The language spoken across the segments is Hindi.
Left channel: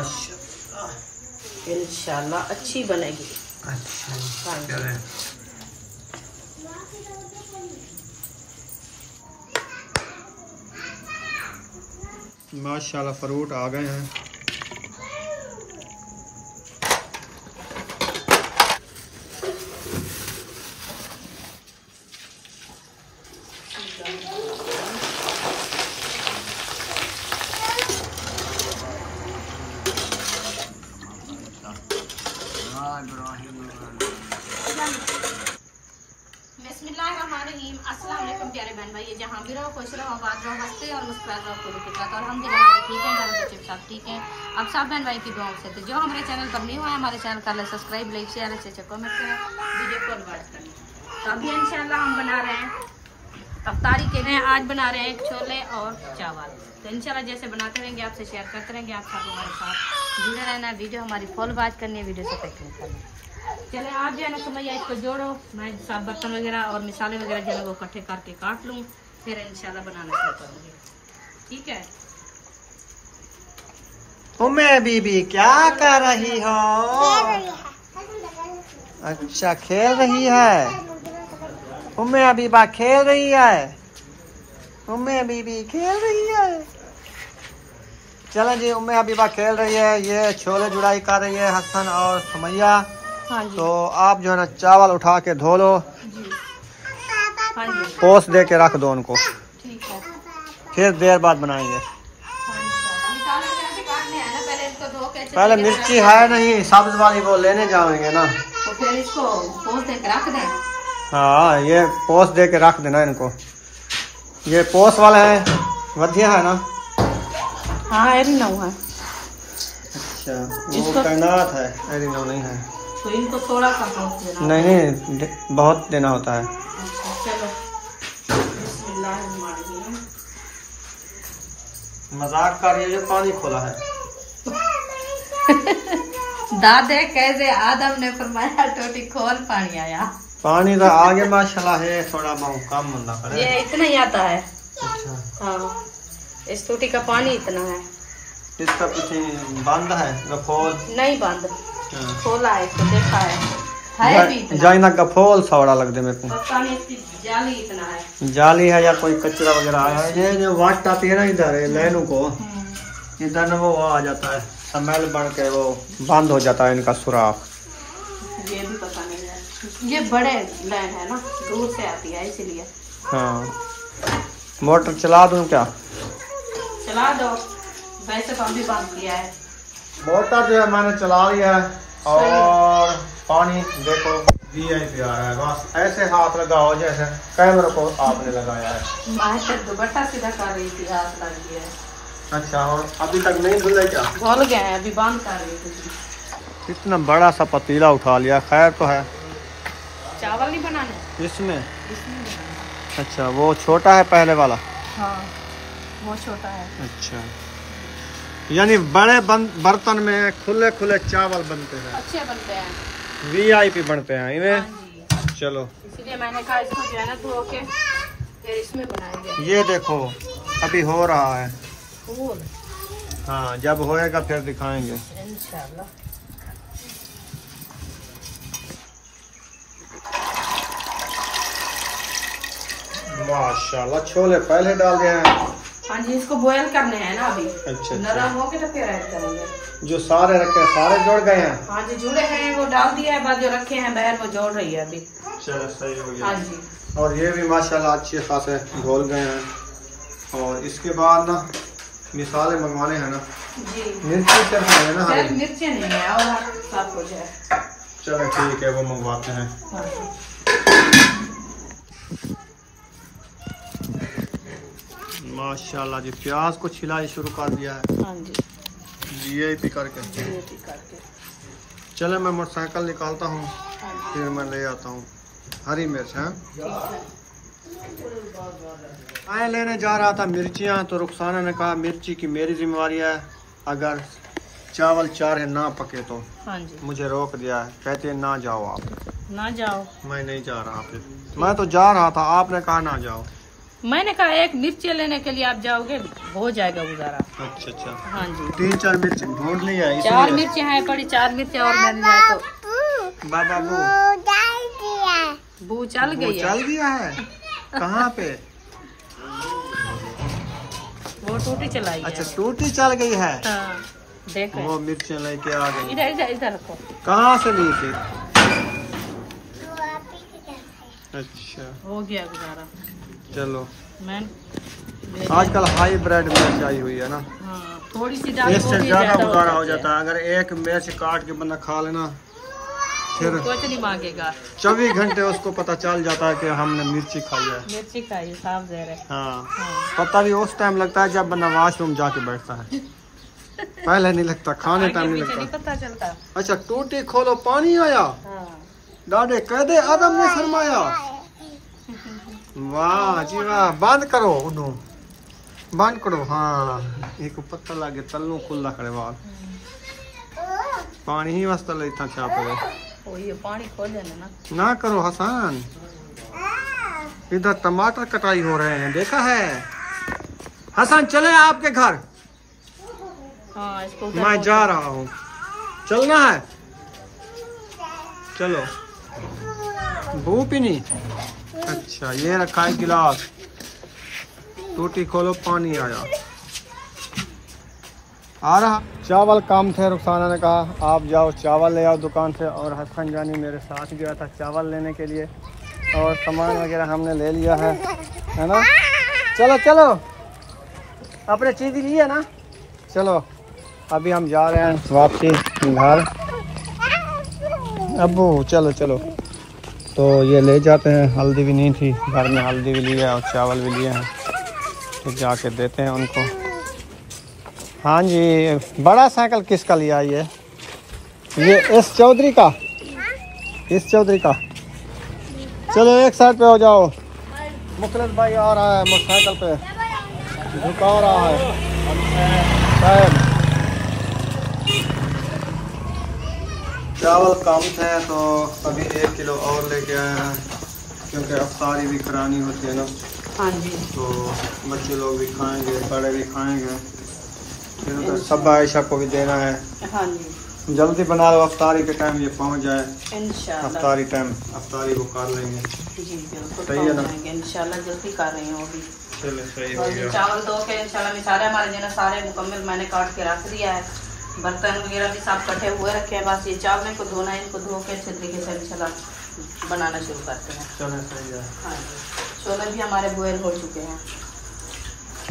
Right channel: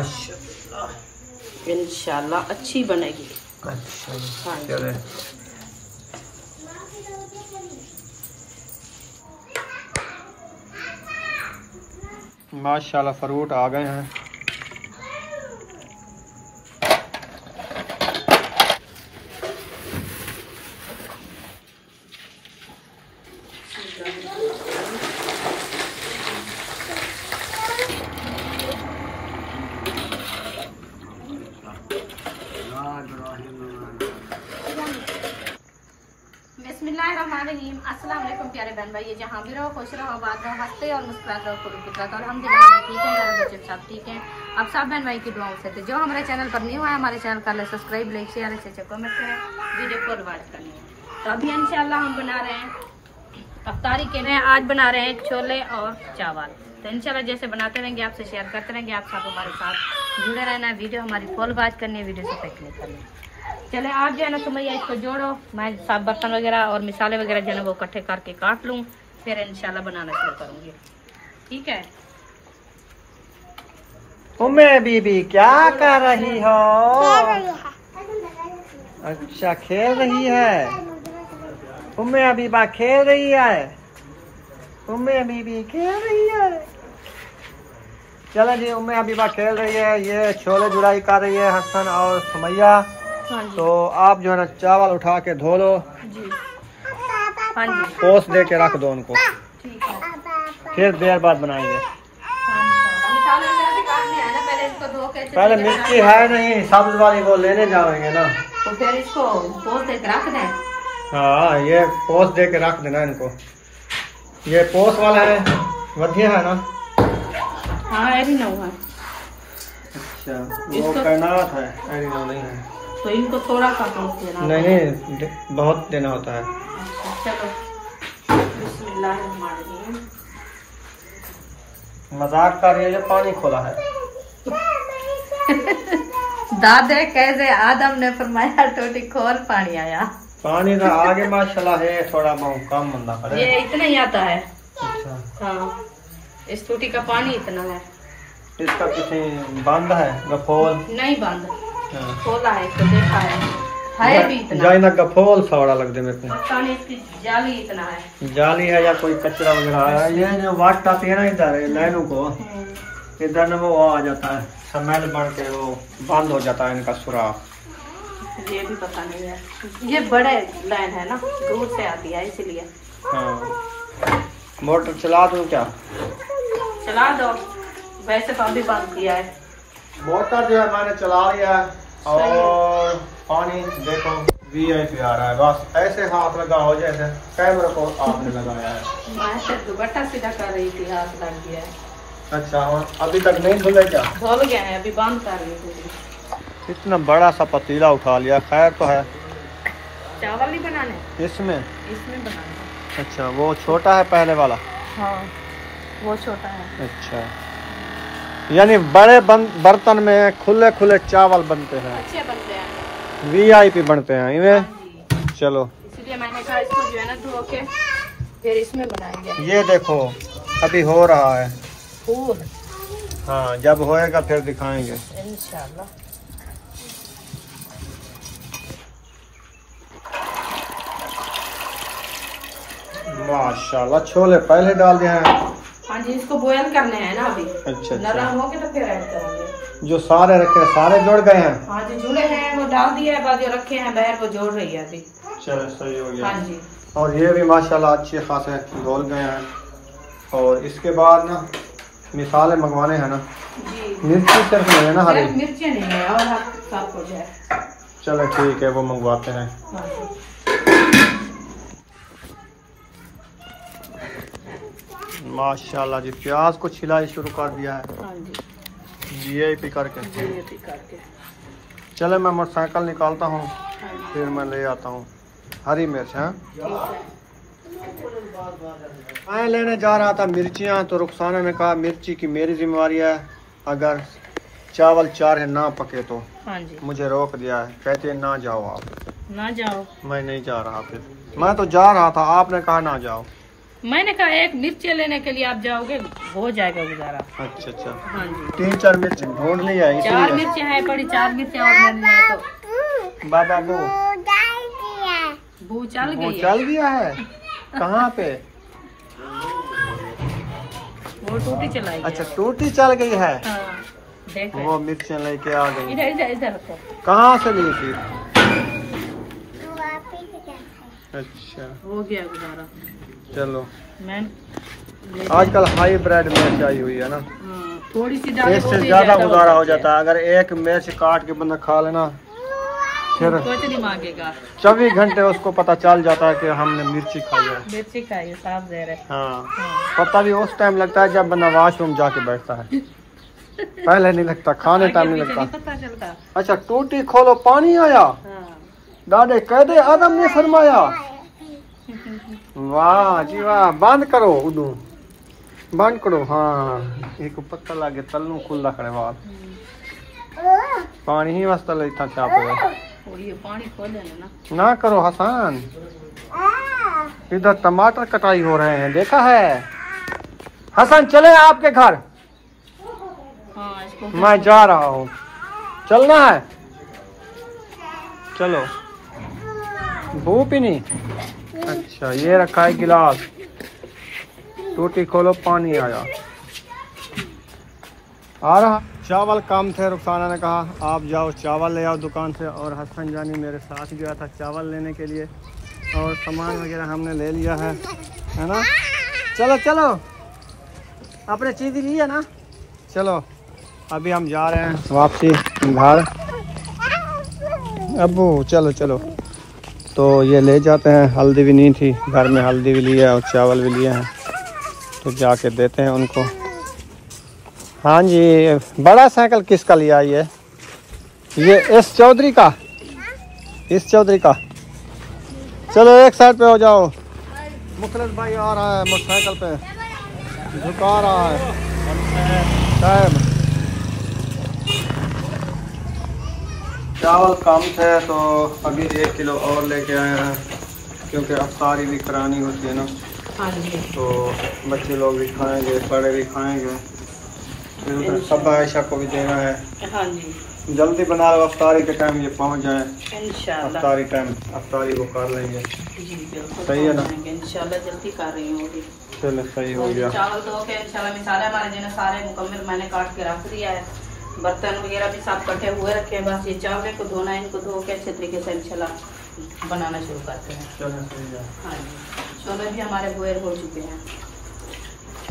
माशाल्लाह, इंशाल्लाह अच्छी बनेगी। अच्छा चले। माशाल्लाह फ्रूट आ गए हैं। बिस्मिल्लाहिर्रहमानिर्रहीम। अस्सलाम वालेकुम प्यारे बहन भाई, जहाँ भी रहो खुश रहो, आबाद रहो, हंसते और मुस्कुराते रहो, खुद की तरह। और अल्हम्दुलिल्लाह ठीक है, घर बच्चे सब ठीक हैं। अब सब बहन भाई की दुआओं से। तो जो हमारे चैनल पर न्यू है, हमारे चैनल का सब्सक्राइब, लाइक, शेयर, अच्छे कमेंट करें, वीडियो को रिवाइज करें। तो अभी इंशाल्लाह हम बना रहे हैं अफ्तारी के लिए। आज बना रहे हैं छोले और चावल। तो इंशाल्लाह जैसे बनाते रहेंगे, आपसे शेयर करते रहेंगे। आप सब हमारे साथ जुड़े रहना, वीडियो हमारी फुल वॉच करनी है, वीडियो से क्लिक करनी है। चले आप जो है ना सुमैया इसको जोड़ो, मैं सब बर्तन वगैरह और मिसाले वगैरह जो है ना वो इकट्ठे करके काट लूँ, फिर इंशाल्लाह बनाना शुरू करूँगी। ठीक है। उम्मे बीबी क्या कर रही हो? अच्छा खेल रही है। उम्मे अबीबा खेल रही है। उम्मे बीबी खेल रही है। चलो जी, उम्मे अबीबा खेल रही है, ये छोले जुड़ाई कर रही है हसन और सुमैया। हाँ जी। तो आप जो है ना चावल उठा के धो लो जी। हाँ जी। पोस दे के रख दो उनको, ठीक है। फिर देर बाद बनाएंगे। मिसाले वगैरह भी काटनी है ना, पहले इसको धो के। पहले मिर्ची है नहीं, सब्ज वाली वो लेने जाएंगे ना, तो फिर इसको पोस दे के रख दें। हाँ ये पोस दे के रख देना इनको। ये पोस वाला है, वधिया है ना? हाँ एरिनो है। अच्छा वो कैनाट है, एरिनो नहीं है। तो इनको थोड़ा सा पोस देना। नहीं बहुत देना होता है। चलो बिस्मिल्लाहिर्रहमानिर्रहीम। मजाक कर रही है, जो पानी खोला है। दादे कैसे आदम ने फरमाया टोटी खोल पानी आया। पानी तो आगे माशाल्लाह है, थोड़ा बहुत कम मंदा करे। ये इतना ही आता है। अच्छा हाँ इस टोटी का पानी इतना है। इसका कुछ बंद है गफोल? नहीं बंद, हाँ। खोला है इसको, देखा है भी इतना। जाइना गफोल सवड़ा लग दे मेरे को। पता नहीं इसकी जाली इतना है। जाली है या कोई कचरा वगैरह आया है। ये जो वाट आती है ना इधर नैनू को, इधर ना वो आ जाता है, स्मेल बन के वो बंद हो जाता है इनका सुराख। ये भी पता नहीं है, ये बड़े लाइन है ना, दूर से आती है इसलिए। हाँ मोटर चला दूं क्या? चला दो, वैसे तो अभी बंद किया है। मोटर जो है मैंने चला लिया है, और पानी देखो VIP आ रहा है। बस ऐसे हाथ लगाओ जैसे कैमरे को आपने लगाया है। मैं सिर्फ दुपट्टा सीधा कर रही थी, हाथ लग गया है। अच्छा और अभी तक नहीं धुले क्या? धुल गए हैं, अभी बंद कर रही थी। इतना बड़ा सा पतीला उठा लिया, खैर तो है। चावल नहीं बनाने इसमें बनाना। अच्छा वो छोटा है पहले वाला? हाँ वो छोटा है। अच्छा यानी बड़े बर्तन में खुले खुले चावल बनते हैं, अच्छे बनते हैं, VIP बनते हैं इन्हें। चलो इसलिए मैंने कहा इसको जो है ना धो के फिर इसमें बनाएंगे। ये देखो अभी हो रहा है फूल। हाँ जब होएगा फिर दिखाएंगे इंशाल्लाह। माशाल्लाह छोले पहले डाल दिए हैं। हाँ जी इसको बॉयल करने हैं ना अभी। अच्छा नरम हो गए तो फिर ऐड करेंगे। जो सारे रखे सारे जुड़ गए हैं? हाँ जो जुड़े हैं वो डाल दिया है, बाद जो रखे हैं बहर वो जोड़ रही है अभी। चलो सही हो गया। हाँ जी और ये भी माशाल्लाह अच्छे खासे घोल गए हैं। और इसके बाद ना मिसाले मंगवाने हैं ना जी। मिर्ची सिर्फ नहीं है ना हरी? मिर्ची नहीं है और सब कुछ है। चलो ठीक है वो मंगवाते हैं। हाँ जी। माशाल्लाह जी प्याज को छिलाई शुरू कर दिया है। हाँ जी VIP करके। करके। चले मैं मोटरसाइकिल निकालता हूँ, फिर मैं ले आता हूँ हरी मिर्च। हाँ मैं लेने जा रहा था मिर्चियाँ, तो रुखसाना ने कहा मिर्ची की मेरी जिम्मेवारी है, अगर चावल चार ना पके तो। हाँ जी मुझे रोक दिया है, कहते हैं ना जाओ आप। ना जाओ। मैं नहीं जा रहा, फिर मैं तो जा रहा था, आपने कहा ना जाओ। मैंने कहा एक मिर्ची लेने के लिए आप जाओगे, हो जाएगा गुजारा। अच्छा अच्छा, हाँ जी, 3-4 मिर्च ढूंढ लिया है 4 इसलिए। मिर्ची है पड़ी, 4 मिर्ची और मिल जाए तो। बाबा वो चल वो गई चल गया है कहाँ पे? वो टूटी चलाई। अच्छा टूटी चल गई है। हाँ, देख वो मिर्चें लेके आ गई। इधर इधर इधर रखो। कहाँ से ली थी? अच्छा हो गया गुजारा। चलो, मैं आजकल हाईब्रिड मिर्च आई हुई है ना, थोड़ी सी इससे ज्यादा गुजारा हो जाता है। अगर एक मिर्च काट के बंदा खा लेना, फिर कुछ नहीं मांगेगा। 24 घंटे उसको पता चल जाता है कि हमने मिर्ची खाई है। मिर्ची खाइए, साफ जहर है। हाँ, पता भी उस टाइम लगता है जब बंदा वॉशरूम जाके बैठता है, पहले नहीं लगता, खाने टाइम नहीं लगता। पता चलता। अच्छा टूटी खोलो पानी आया, डाडे कहदे आदम ने फरमाया। वाह जी वाह, बंद करो उदू, बंद करो। हाँ एक पत्ता लागे तलू खुला खड़े वाल पानी ही वास्ता लेता छाप ये पानी खोले ना करो हसन। इधर टमाटर कटाई हो रहे हैं, देखा है हसन? चले आपके घर, हाँ, इसको मैं जा रहा हूँ, चलना है? चलो। भूपिनी, अच्छा ये रखा है गिलास, टूटी खोलो पानी आया। आ रहा चावल कम थे, रुखसाना ने कहा आप जाओ चावल ले आओ दुकान से, और हसन जानी मेरे साथ गया था चावल लेने के लिए, और सामान वगैरह हमने ले लिया है ना। चलो चलो, अपने चीज़ लिए ना, चलो अभी हम जा रहे हैं वापसी घर। अबू चलो चलो, तो ये ले जाते हैं, हल्दी भी नहीं थी घर में, हल्दी भी लिया और चावल भी लिए हैं, तो जाके देते हैं उनको। हाँ जी, बड़ा साइकिल किसका लिया ये इस चौधरी का, इस चौधरी का। चलो एक साइड पे हो जाओ, मुखलिस भाई आ रहा है मोटरसाइकिल पे, झुका रहा है साहब। चावल कम थे तो अभी 1 किलो और लेके आए हैं, क्योंकि अफ्तारी भी करानी होती है ना। हाँ जी, तो बच्चे लोग भी खाएंगे, बड़े भी खाएंगे, फिर उधर सब आयशा को भी देना है। हाँ जी, जल्दी बना लो, अफ्तारी के टाइम ये पहुंच जाए। इंशाल्लाह अफ्तारी टाइम अफ्तारी को कर लेंगे। जी बिल्कुल, सही है ना? इंशाल्लाह जल्दी कर रही हूँ अभी। चलो सही हो गया। चावल धो के इंशाल्लाह में सारे हमारे जो सारे मुकम्मल मैंने काट के रख दिया है, बर्तन वगैरह भी सब कटे हुए रखे हैं, बस ये चावल को धोना है, इनको धो के अच्छे तरीके से इंशाल्लाह बनाना शुरू करते हैं। चलो सही है। हाँ जी, छोले भी हमारे बॉयल हो चुके हैं।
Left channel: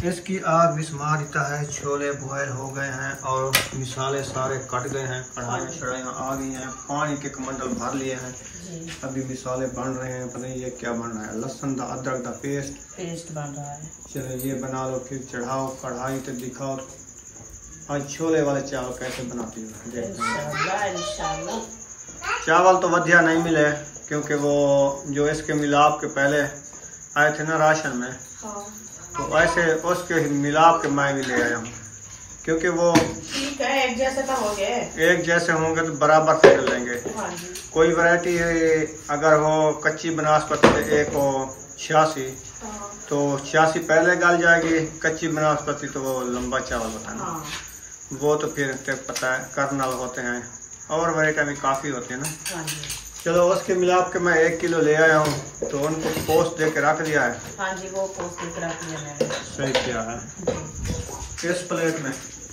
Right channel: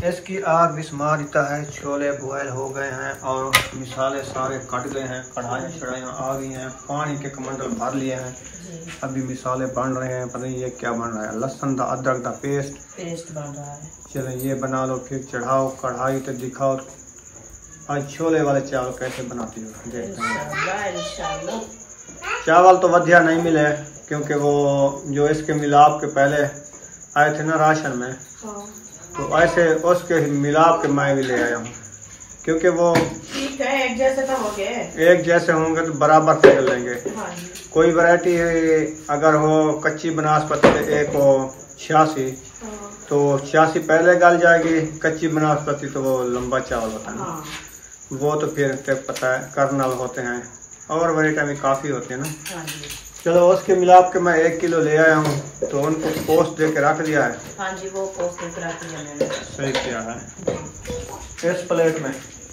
इसकी आग भी स्मार देता है, छोले बॉयल हो गए हैं और मिसाले सारे कट गए हैं, कढ़ाइयाँ शढ़ाइयाँ आ गई हैं, पानी के कमंडल भर लिए हैं। अभी मिसाले बन रहे हैं, पता नहीं ये क्या बन रहा है, लहसुन दा अदरक दा पेस्ट बन रहा है। चलो ये बना लो, फिर चढ़ाओ कढ़ाई तो दिखाओ आज छोले वाले चावल कैसे बनाती हो, देखते हैं। इंशाल्लाह चावल तो वधिया नहीं मिले, क्योंकि वो जो इसके मिलाप के पहले आए थे ना राशन में, तो ऐसे उसके मिलाप के मैं भी ले आया हूँ, क्योंकि वो ठीक है, एक जैसे तो हो गए, एक जैसे होंगे तो बराबर से चल लेंगे। हाँ जी, कोई वैरायटी अगर हो कच्ची बनास्पति तो एक हो 86, तो 86 पहले गल जाएगी, कच्ची बनास्पति तो वो लंबा चावल होता है ना, हाँ, वो तो फिर पता है कर्नल होते हैं, और वैरायटी में काफ़ी होती है ना। हाँ जी, चलो उसके मिलाप के मैं 1 किलो ले आया हूँ, तो उनको पोस्ट दे के रख दिया है। हाँ जी, वो पोस्ट दिख रहा है मैंने। सही किया है। इस प्लेट में,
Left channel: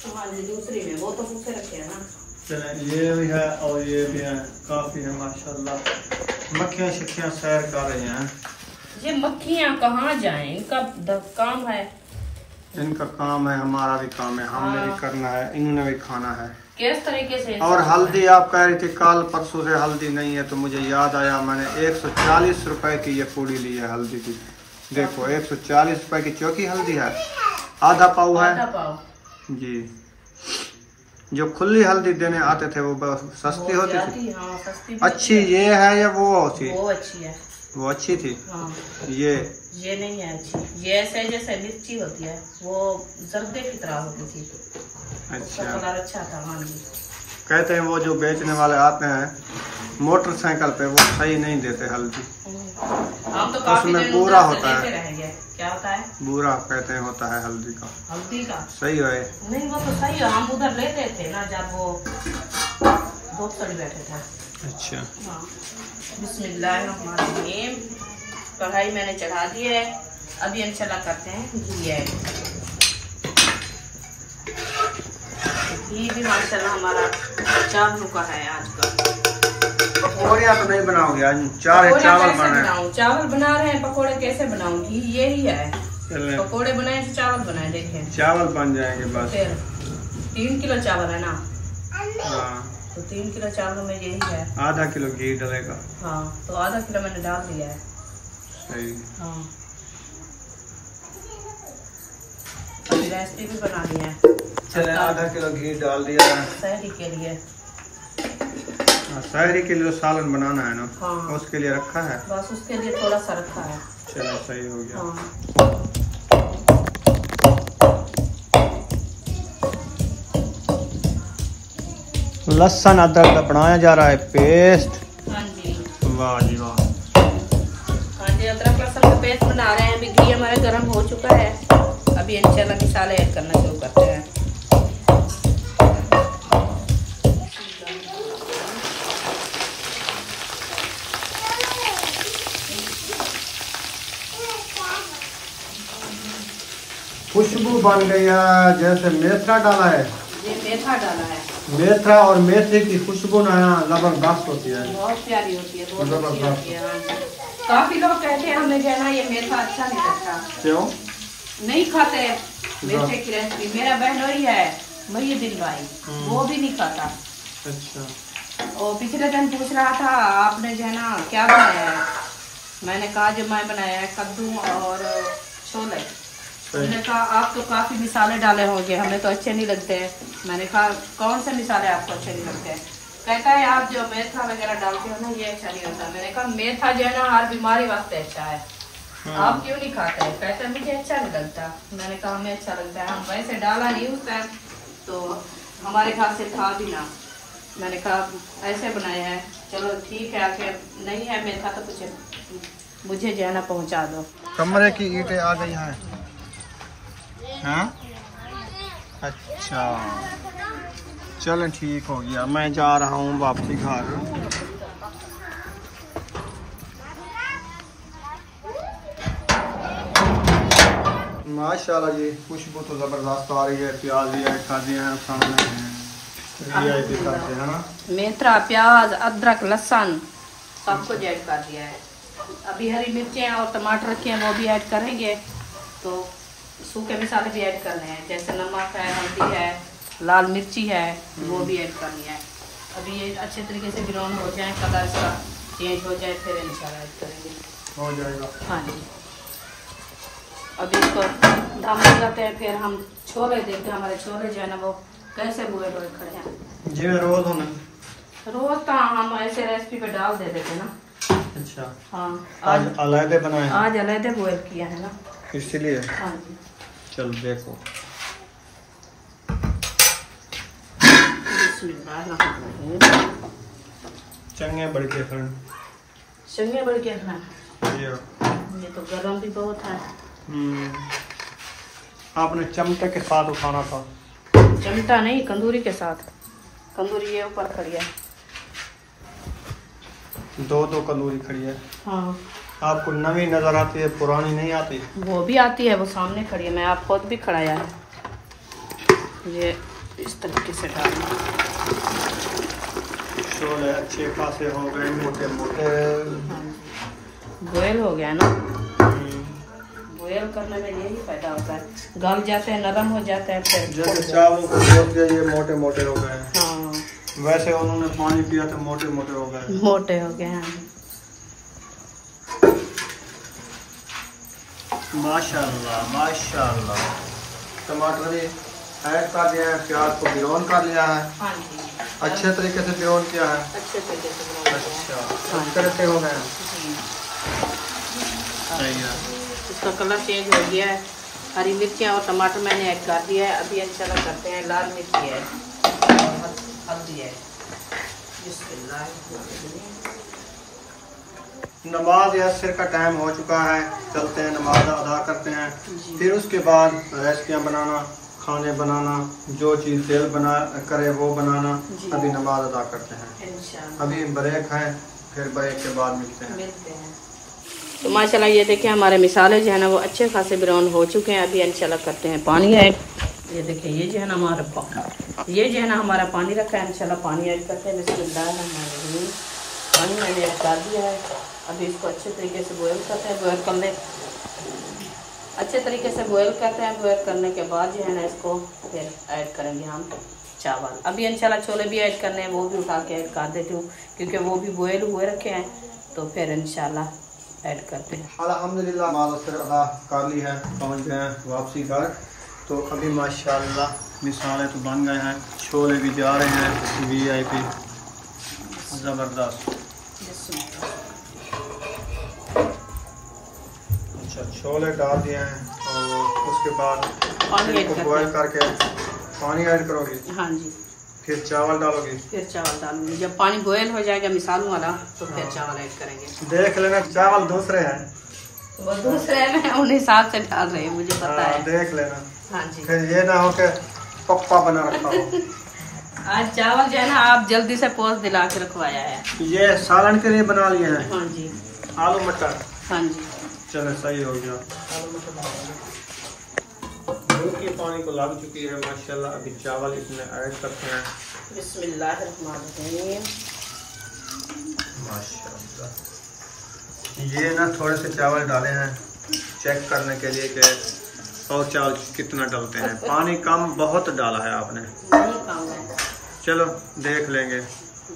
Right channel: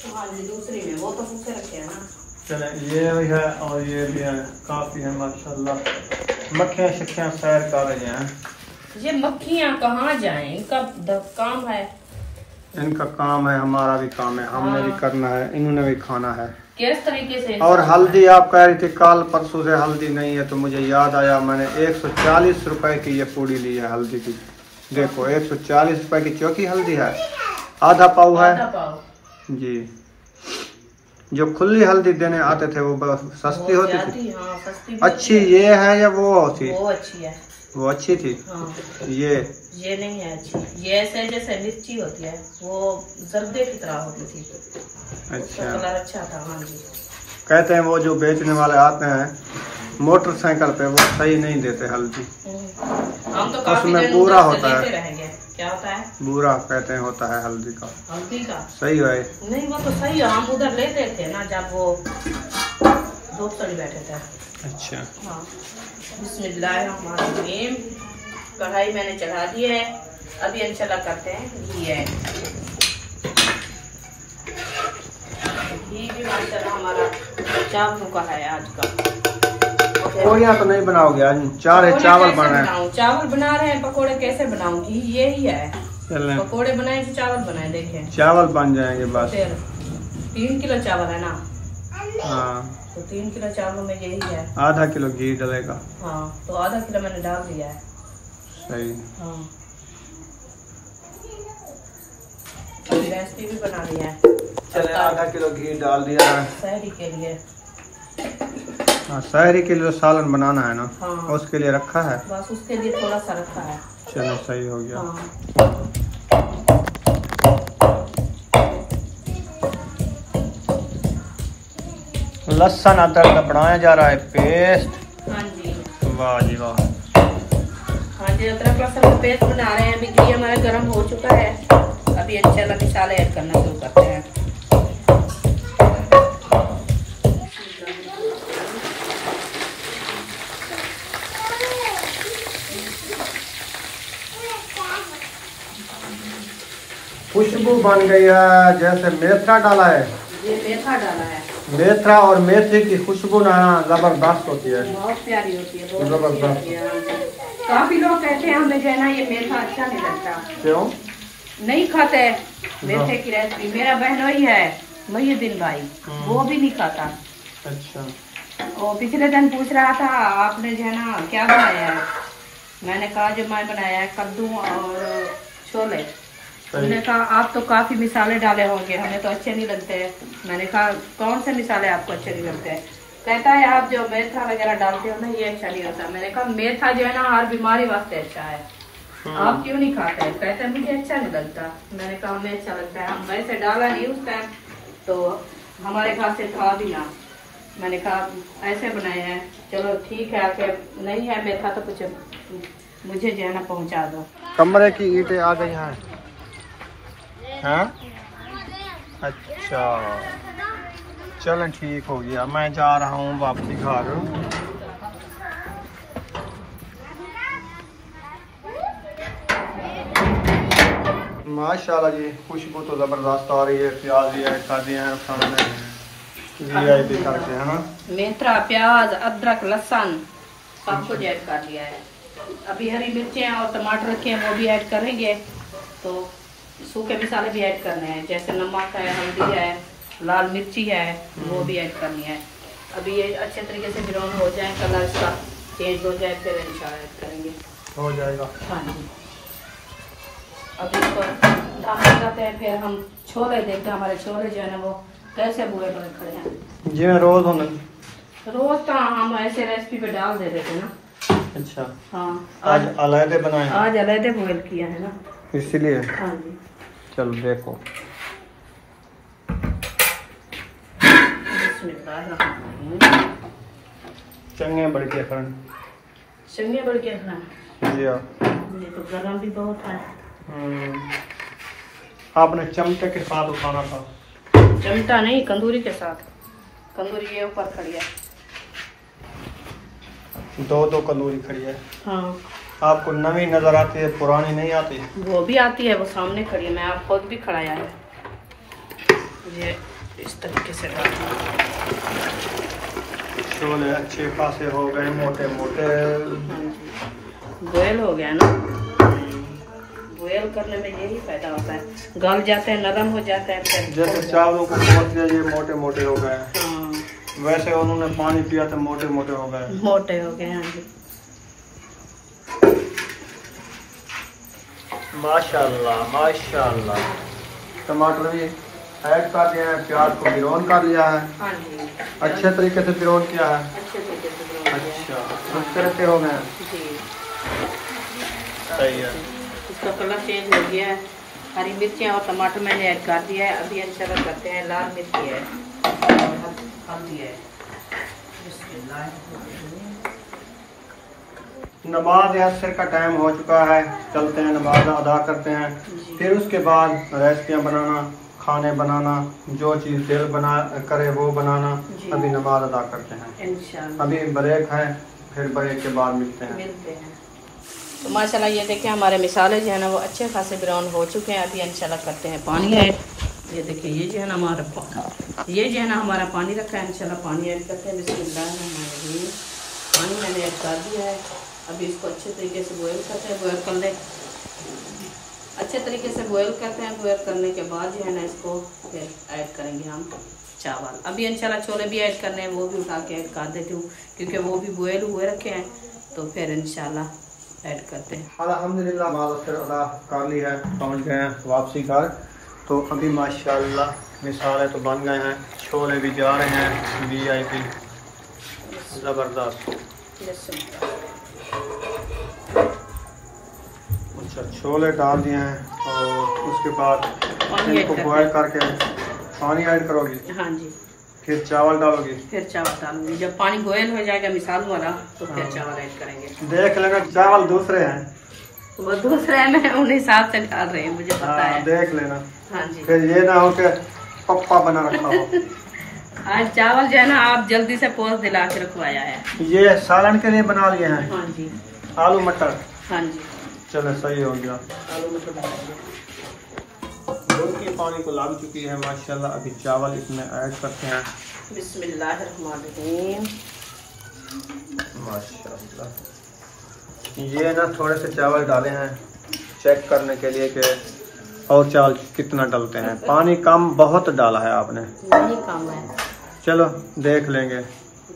हाँ जी, दूसरी में वो तो भूखे रखे हैं ना। चले ये भी है और ये भी है, काफ़ी है माशाल्लाह। मक्खियाँ शक्खियाँ सैर कर रही हैं। ये मक्खियाँ कहाँ जाएं, इनका काम है, इनका काम है, हमारा भी काम है, हमने भी करना है, इन्होंने भी खाना है। किस तरीके से। और हल्दी आप कह रही थी कल परसों से हल्दी नहीं है, तो मुझे याद आया, मैंने 140 रुपए की ये पूड़ी ली है हल्दी की। देखो 140 रुपए की चौकी हल्दी है, आधा पाव है जी। जो खुली हल्दी देने आते थे वो सस्ती होती थी। हाँ, सस्ती अच्छी ये है या वो होती? वो अच्छी है, वो अच्छी थी। हाँ, ये नहीं है अच्छी, ये ऐसे जैसे मिर्ची होती है, वो जर्दे की तरह होती थी, अच्छा, कलर अच्छा था। हाँ जी, कहते हैं वो जो बेचने वाले आते हैं मोटरसाइकिल पे, वो सही नहीं देते हल्दी, हम तो उसमें पूरा होता है। क्या होता है? बूरा कहते हैं, होता है हल्दी का। हल्दी का? सही है। नहीं वो तो सही है, हम उधर लेते थे ना जब वो धूप से बैठे थे। अच्छा। हाँ। बिस्मिल्लाहिर्रहमानिर्रहीम। कढ़ाई मैंने चढ़ा दी है, अभी इंशाल्लाह करते हैं घी ऐड। घी भी माशाल्लाह हमारा चावलों का है आज का। पकौड़ियाँ तो नहीं बनाओगे आज? चावल बना रहे हैं। चावल बना रहे हैं, पकौड़े कैसे बनाऊंगी? यही है, चलें पकौड़े बनाए तो चावल बनाए। देखें चावल बन जाएंगे बस। फिर 3 किलो चावल है ना? हाँ, तो 3 किलो चावलों में यही है। आधा किलो घी डलेगा। हाँ, तो आधा किलो मैंने डाल दिया है। सही। हाँ, रेसिपी भी बना ली है। चले, आधा किलो घी डाल दिया है सहरी के लिए। हाँ, सहरी के लिए सालन बनाना है ना? हाँ, उसके लिए रखा है। बस उसके लिए थोड़ा सा रखा है। चलो सही हो गया। हाँ। लहसुन अदरक का बनाया जा रहा है पेस्ट। हाँ जी, वाह जी वाह। हाँ जी, अदरक लहसुन का पेस्ट बना रहे हैं। अभी घी हमारा गर्म हो चुका है, अभी इंशाल्लाह मसाले ऐड करना शुरू करते हैं। खुशबू बन गई है, जैसे मेथरा डाला है। ये मेथा डाला है। मेथरा और मेथी की खुशबू ना जबरदस्त होती है, बहुत प्यारी होती है, बहुत जबरदस्त। अच्छी होती है। काफी लोग कहते हैं हमें जो है ना ये मेथा अच्छा नहीं लगता, क्यों नहीं खाते मेथे की रेसिपी। मेरा बहनोई है मुहिउद्दीन भाई, वो भी नहीं खाता। अच्छा। और पिछले दिन पूछ रहा था आपने जो है ना क्या बनाया है? मैंने कहा जो मैं बनाया है कद्दू और छोले। उन्होंने कहा आप तो काफी मिसाले डाले होंगे, हमें तो अच्छे नहीं लगते हैं। मैंने कहा कौन से मिसाले आपको अच्छे नहीं लगते हैं? कहता है आप जो मेथा वगैरह डालते हो ना ये अच्छा नहीं होता। मैंने कहा मेथा जो है ना हर बीमारी वास्ते अच्छा है, आप क्यों नहीं खाते हैं? कहता है मुझे अच्छा नहीं लगता। मैंने कहा हमें अच्छा लगता है, हम वैसे डाला नहीं उस टाइम, तो हमारे घर से खा भी ना। मैंने कहा ऐसे बनाए हैं, चलो ठीक है, आखिर नहीं है मेथा तो कुछ मुझे जो है ना पहुँचा दो। कमरे की ईंटें आ गई हैं। हाँ? अच्छा, चलें ठीक हो गया। मैं जा रहा हूँ वापसी घर। माशाल्लाह जी, खुशबू तो जबरदस्त आ रही है। प्याज भी ऐड कर दिए हैं सामने, वीआईपी करते हैं ना। मेथरा, प्याज, अदरक, लहसुन सब कुछ ऐड कर दिया है। अभी हरी मिर्चें और टमाटर रखे हैं वो भी ऐड करेंगे। तो सूखे मसाले भी ऐड करने हैं, जैसे नमक है, हल्दी है, लाल मिर्ची है, वो भी ऐड करनी है। अभी ये अच्छे तरीके से ब्राउन हो जाए, कलर इसका चेंज हो जाए, फिर इंशाल्लाह ऐड करेंगे। हो जाएगा। हाँ जी, अभी इसको दम लगाते हैं, फिर हम छोले देखते हैं हमारे छोले जो है ना वो कैसे बुए बने खड़े हैं। जी मैं रोज हूँ। रोज का हम ऐसे रेसिपी पे डाल दे देते ना। अच्छा, हाँ, आज अलग बनाए? आज अलग बॉयल किया है ना, इसलिए। हाँ जी। चलो देखो। चंगे बड़े के फन। चंगे बड़े के फन। जी हाँ। ये तो गरम भी बहुत है। आपने चमचे के साथ उठाना था। चमटा नहीं, कंदूरी के साथ। कंदूरी ये ऊपर खड़ी है। दो कंदूरी खड़ी है। हाँ। आपको नवी नजर आती है, पुरानी नहीं आती? वो भी आती है, वो सामने खड़ी है। मैं आपको भी खड़ाया है। ये इस तरीके से छोले अच्छे खासे हो गए, मोटे मोटे। बॉयल हो गया ना। बॉयल करने में यही फायदा होता है, गल जाते हैं, नरम हो जाते हैं। फिर जैसे चावलों को बोल दिया, ये मोटे मोटे हो गए। हाँ, वैसे उन्होंने पानी पिया तो मोटे मोटे हो गए। मोटे हो गए। हाँ जी, माशाल्लाह माशाल्लाह। टमाटर भी ऐड कर दिया है, प्याज को ब्राउन कर लिया है। हाँ जी, अच्छे तरीके से ब्राउन किया है। अच्छे तरीके से ब्राउन किया है। अच्छा, उस तरह से हो गए। जी, सही है। इसका कलर चेंज हो गया है। हरी मिर्चियाँ और टमाटर मैंने ऐड कर दिया है। अभी इंशाल्लाह करते हैं, लाल मिर्ची है, हल्दी है। नमाज असर का टाइम हो चुका है, चलते हैं नमाज अदा करते हैं। फिर उसके बाद रेसिपियाँ बनाना, खाने बनाना, जो चीज़ दिल बना करे वो बनाना। अभी नमाज अदा करते हैं इंशाल्लाह। अभी ब्रेक है, फिर ब्रेक के बाद मिलते हैं। तो माशाल्लाह ये देखें हमारे मिसाले जो है ना वो अच्छे खासे ब्राउन हो चुके हैं। अभी इंशाल्लाह करते हैं पानी ऐड। ये देखिए ये जो है ना हमारा पानी रखा है, इंशाल्लाह पानी ऐड करते हैं। बिस्मिल्लाहिर्रहमानिर्रहीम। पानी मैंने ऐड कर दिया है। अभी इसको अच्छे तरीके से बॉयल करते हैं। बॉयल कर ले अच्छे तरीके से बॉयल करते हैं। बॉयल करने के बाद जो है ना इसको फिर ऐड करेंगे हम चावल। अभी इंशाल्लाह छोले भी ऐड करने हैं, वो भी उठा के ऐड कर देती हूँ क्योंकि वो भी बॉयल हुए रखे हैं। तो फिर इंशाल्लाह ऐड करते हैं। अल्हम्दुलिल्लाह नमाज अदा कर ली है, पहुँच गए हैं वापसी घर। तो अभी माशाल्लाह मिसालें तो बन गए हैं, छोले भी जा रहे हैं VIP ज़बरदस्त। अच्छा छोले डाल दिए हैं और उसके बाद इनको बॉयल करके पानी ऐड करोगी? हाँ जी। फिर चावल डालोगी? फिर चावल डालूंगी। जब पानी बॉयल हो जाएगा मिसालों वाला तो फिर चावल ऐड करेंगे। देख लेना चावल दूसरे हैं, वो दूसरे में उन हिसाब से डाल रहे हैं, मुझे पता है। देख लेना। हाँ जी। फिर ये ना हो के पप्पा बना रखा हो। आज चावल जो है ना आप जल्दी से पोस्ट दिला के रखवाया है। ये सालन के लिए बना लिए हैं। हाँ जी। आलू मटर। हाँ जी। चलो सही हो गया। आलू मटर दूध की पानी को लग चुकी है माशाल्लाह। अभी चावल इसमें ऐड करते हैं। बिस्मिल्लाहिर्रहमानिर्रहीम। माशाल्लाह ये ना थोड़े से चावल डाले हैं चेक करने के लिए कि और चावल कितना डालते हैं। पानी कम बहुत डाला है आपने? नहीं कम है। चलो देख लेंगे।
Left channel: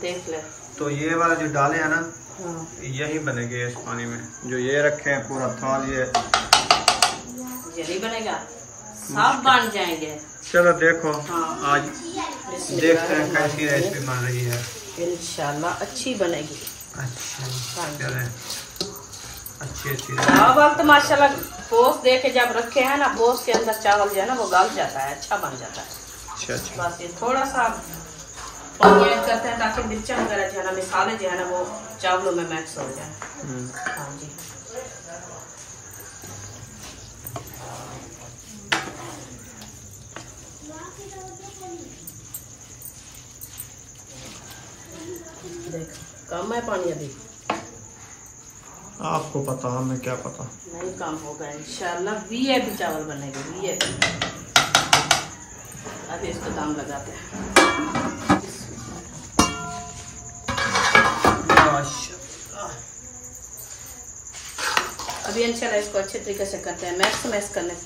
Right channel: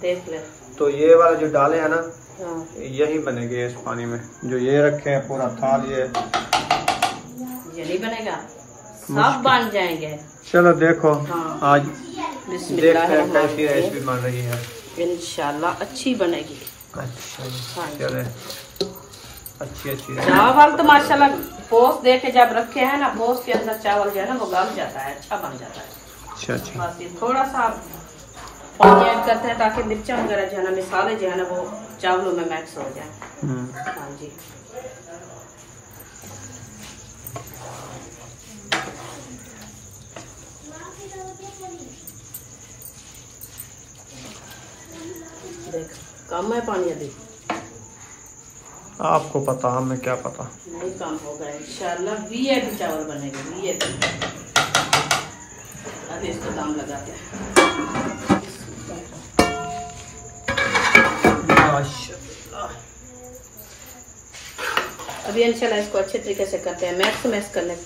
देख ले। तो ये वाला जो डाले हैं ना हाँ। यही बनेंगे इस पानी में। जो ये रखे हैं पूरा थाल ये नहीं बनेगा, सब बन जाएंगे। चलो देखो। हाँ। आज देखते हैं कैसी रेसिपी बन रही है। इंशाल्लाह अच्छी बनेगी। अच्छा चले अच्छी चावल तो माशाल्लाह पोस्ट दे के जब रखे हैं ना, पोस्ट के अंदर चावल जो है ना वो गल जाता है, अच्छा बन जाता है। अच्छा। बस ये थोड़ा सा पानी ऐड करते हैं ताकि मिर्चा वगैरह जो है ना मिसाले जो है ना वो चावलों में मिक्स हो जाए। हाँ जी। देख कम है पानी अभी? आपको पता, हमें क्या पता। नहीं कम होगा इंशाल्लाह। VIP चावल बनेगा VIP। अभी इसको दाम लगाते हैं। अभी इंशाल्लाह इसको अच्छे तरीके से करते हैं, मैक्स कर लें।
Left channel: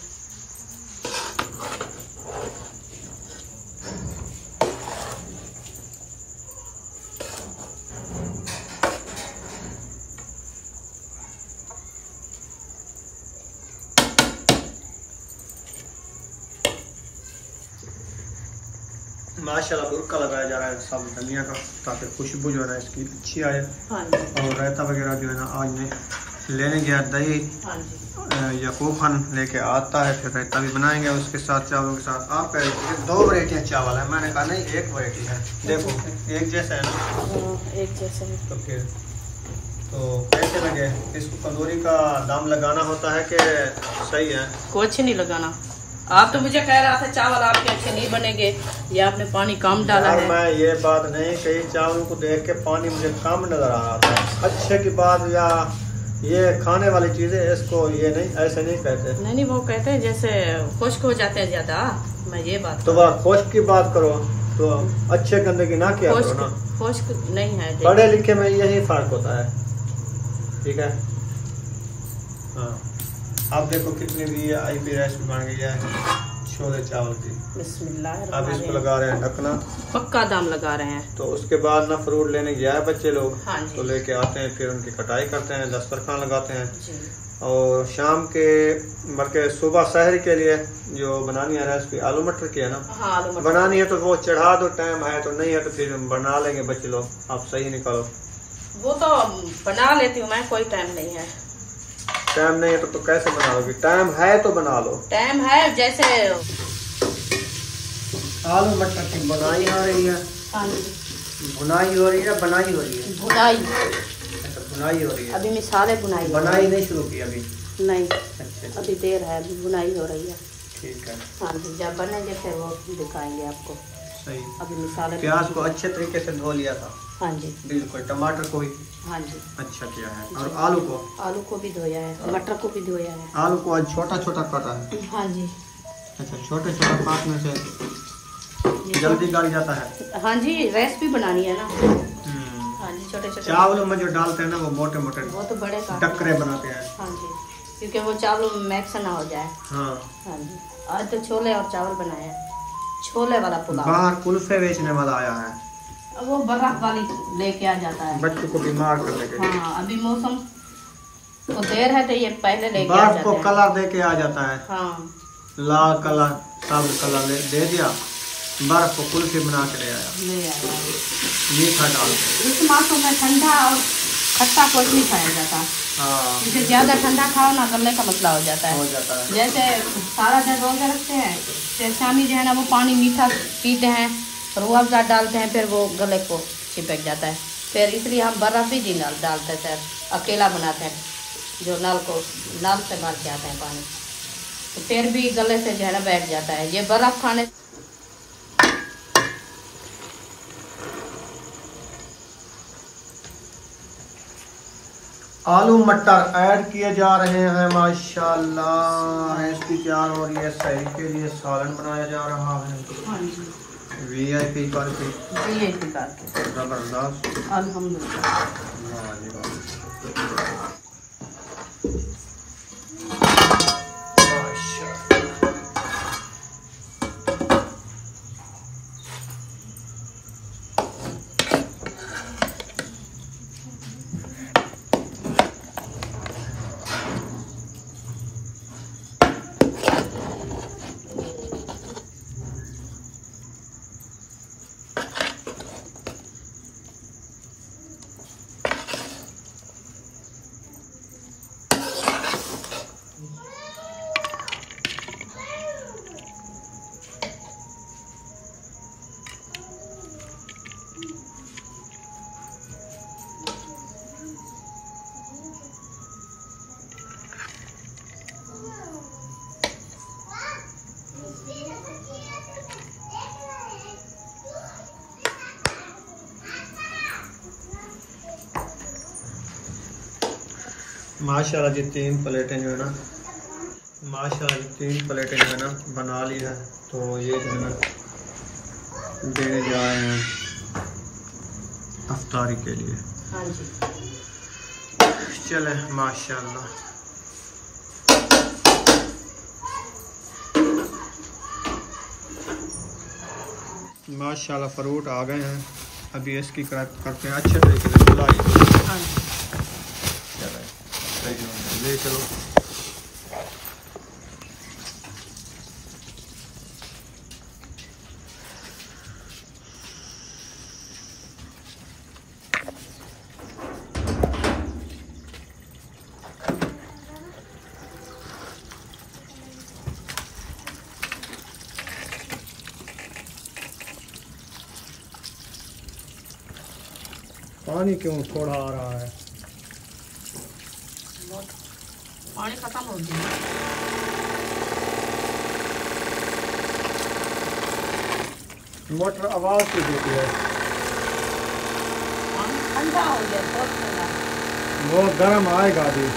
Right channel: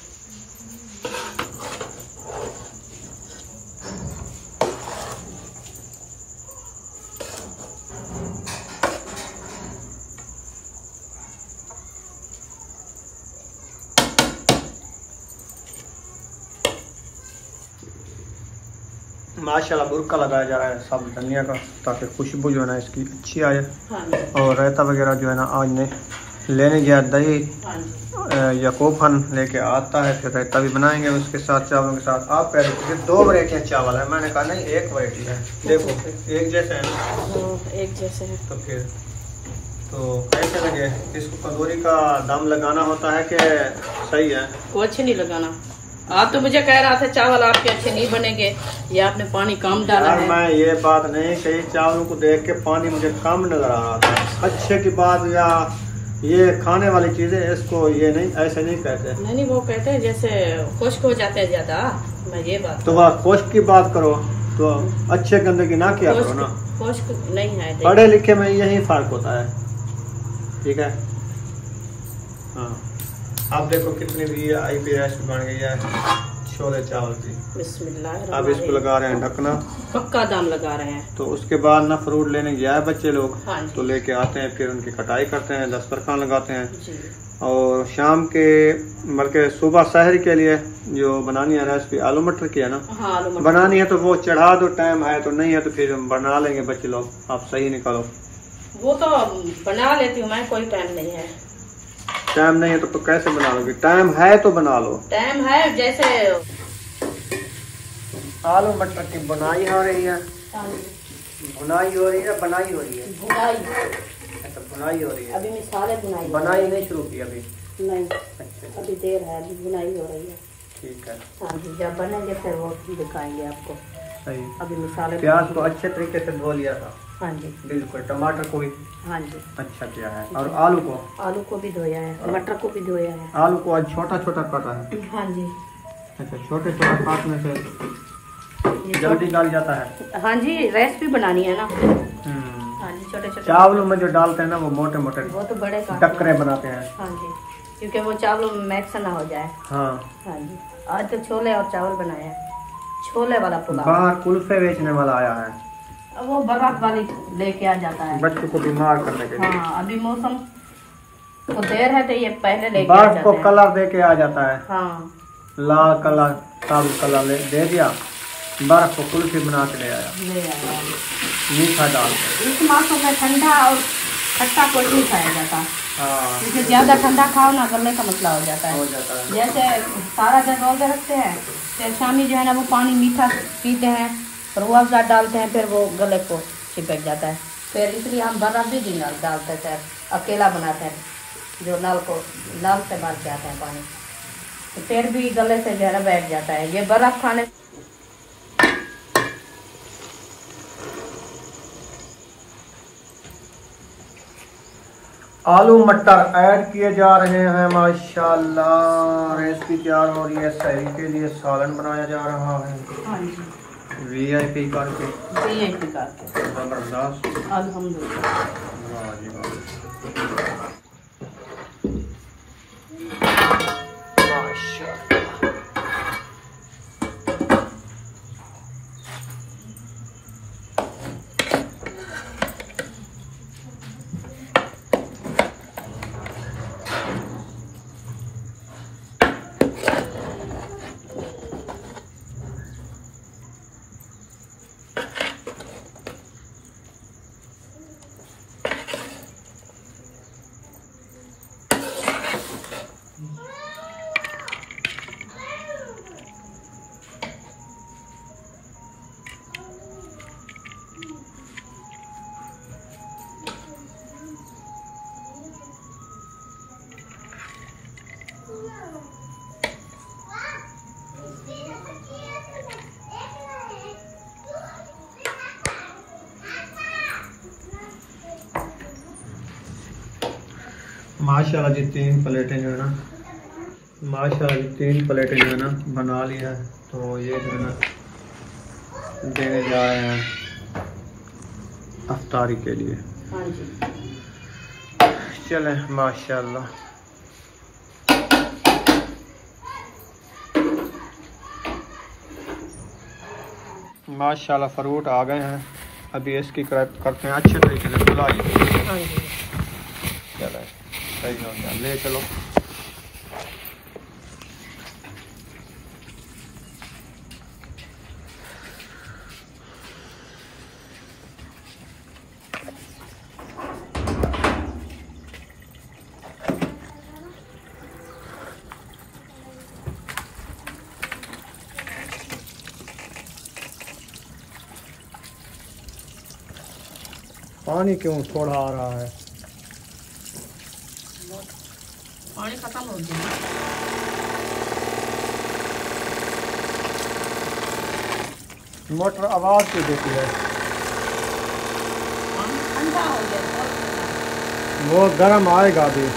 माशाल्लाह बुरका लगाया जा रहा है सब धनिया का ताकि खुशबू जो है ना इसकी अच्छी आए। हाँ। और रायता वगैरह जो है ना आज ने लेने गया दही। हाँ। याकूब खान लेके आता है, फिर रायता भी बनाएंगे उसके साथ चावलों के साथ। आप कह रहे थे 2 वैरायटियाँ चावल है, मैंने कहा नहीं 1 वैरायटी है। देखो एक जैसे है ना, एक जैसे है। तो फिर तो कैसे लगे? इसको कंदूरी का दम लगाना होता है कि सही है? कुछ नहीं लगाना। आप तो मुझे कह रहा था चावल आपके अच्छे नहीं बनेंगे, ये आपने पानी कम डाला है। मैं ये बात नहीं कही, चावल को देख के पानी मुझे कम नजर आ रहा था। अच्छे की बात या ये खाने वाली चीजें इसको ये नहीं ऐसे नहीं कहते। नहीं वो कहते हैं जैसे खुश्क हो जाते हैं ज्यादा। मैं ये बात तो वह खुश्क की बात करो तो अच्छे गंदे की ना किया करो ना। खुश्क नहीं है। पढ़े लिखे में यही फर्क होता है, ठीक है। हाँ अब देखो कितनी भी IPS बन गई है छोले चावल की। बिस्मिल्लाह। अब इसको लगा रहे हैं ढकना, पक्का दाम लगा रहे हैं। तो उसके बाद ना फ्रूट लेने गया है बच्चे लोग। हाँ जी। तो लेके आते हैं, फिर उनकी कटाई करते हैं, दस्तरखान लगाते हैं जी। और शाम के बल्कि सुबह सहर के लिए जो बनानी है ना इसकी आलू मटर की है ना। हाँ आलू मटर बनानी है तो वो चढ़ा दो, टाइम है तो नहीं है तो फिर बना लेंगे बच्चे लोग। आप सही निकालो। वो तो बना लेती हूँ मैं, कोई टाइम नहीं है। टाइम नहीं है तो कैसे बना लोगे? टाइम है तो बना लो। टाइम है जैसे आलू मटर की बुनाई हो रही है। बुनाई हो रही है, बनाई हो रही है। बुनाई। अच्छा बुनाई हो रही है अभी मिसाले बुनाई बनाई नहीं शुरू की अभी? नहीं, अच्छा अभी देर है, अभी बुनाई हो रही है। ठीक है। हाँ जी, जब बनेंगे फिर वो दिखाएंगे आपको। सही। अभी मिसाले प्याज को अच्छे तरीके से धो लिया था? हाँ जी बिल्कुल। टमाटर को भी? हाँ जी अच्छा किया है। और आलू को? आलू को भी धोया है, मटर को भी धोया है। आलू को आज छोटा छोटा काटा है? हाँ जी। अच्छा, छोटे छोटे काटने से जल्दी गल जाता है? हाँ जी, रेसिपी बनानी है ना। हाँ जी, छोटे छोटे चावलों में जो डालते हैं ना वो मोटे मोटे वो तो बड़े टक्करे बनाते हैं। हाँ जी, क्योंकि वो चावलों में मिक्स ना हो जाए। हाँ हाँ जी। आज तो छोले और चावल बनाया, छोले वाला पुलाव। बाहर कुल्फे बेचने वाला आया है, वो बर्फ वाली लेके आ जाता है बच्चों को बीमार करने के लिए। हाँ, अभी मौसम को देर है तो ये पहले लेके आ बर्फ जाते को हैं। कलर दे के आ जाता है। हाँ, लाल कलर, साबुत कलर दे दिया, बर्फ को कुल्फी बना के ले आया, ले आया। मीठा डाल के। इस मौसम में ठंडा और खट्टा कोई नहीं खाया जाता, हाँ, क्योंकि ज्यादा ठंडा खाओ ना गले का मसला हो जाता हो है। जाता है। जैसे सारा दिन रोजे रखते हैं, फिर शामी जो है ना वो पानी मीठा पीते हैं, रूह अफ़ज़ा डालते हैं, फिर वो गले को चिपक जाता है। फिर इसलिए हम बर्फ भी नहीं डालते थे, अकेला बनाते हैं, जो नल से भर के आता है पानी, तो फिर भी गले से जो है ना बैठ जाता है। ये बर्फ खाने आलू मटर ऐड किए जा रहे हैं माशाल्लाह। रेसिपी तैयार हो रही है, सहरी के लिए सालन बनाया जा रहा है। हाँ जी, VIP करके जबरदस्त, अल्हम्दुलिल्लाह। वाह जी वाह। माशाल्लाह जी 3 प्लेटें जो है ना, माशाल्लाह जी 3 प्लेटें जो है ना बना ली है। तो ये जो है ना देने जा रहे हैं अफ्तारी के लिए। चले माशाल्लाह। माशाल्लाह फ्रूट आ गए हैं, अभी इसकी करते हैं अच्छे तरीके से बुलाई। हाँ जी, चले ले चलो। पानी क्यों थोड़ा आ रहा है? पानी खत्म हो गया। मोटर आवाज क्यों देती है? पानी ठंडा हो गया, बहुत ठंडा। वो गर्म आएगा अभी।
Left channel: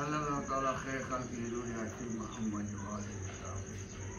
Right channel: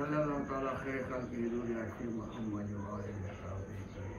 सल्लल्लाहु तआला खैर खल्क़िही मोहम्मद व आलिहि व सहबिही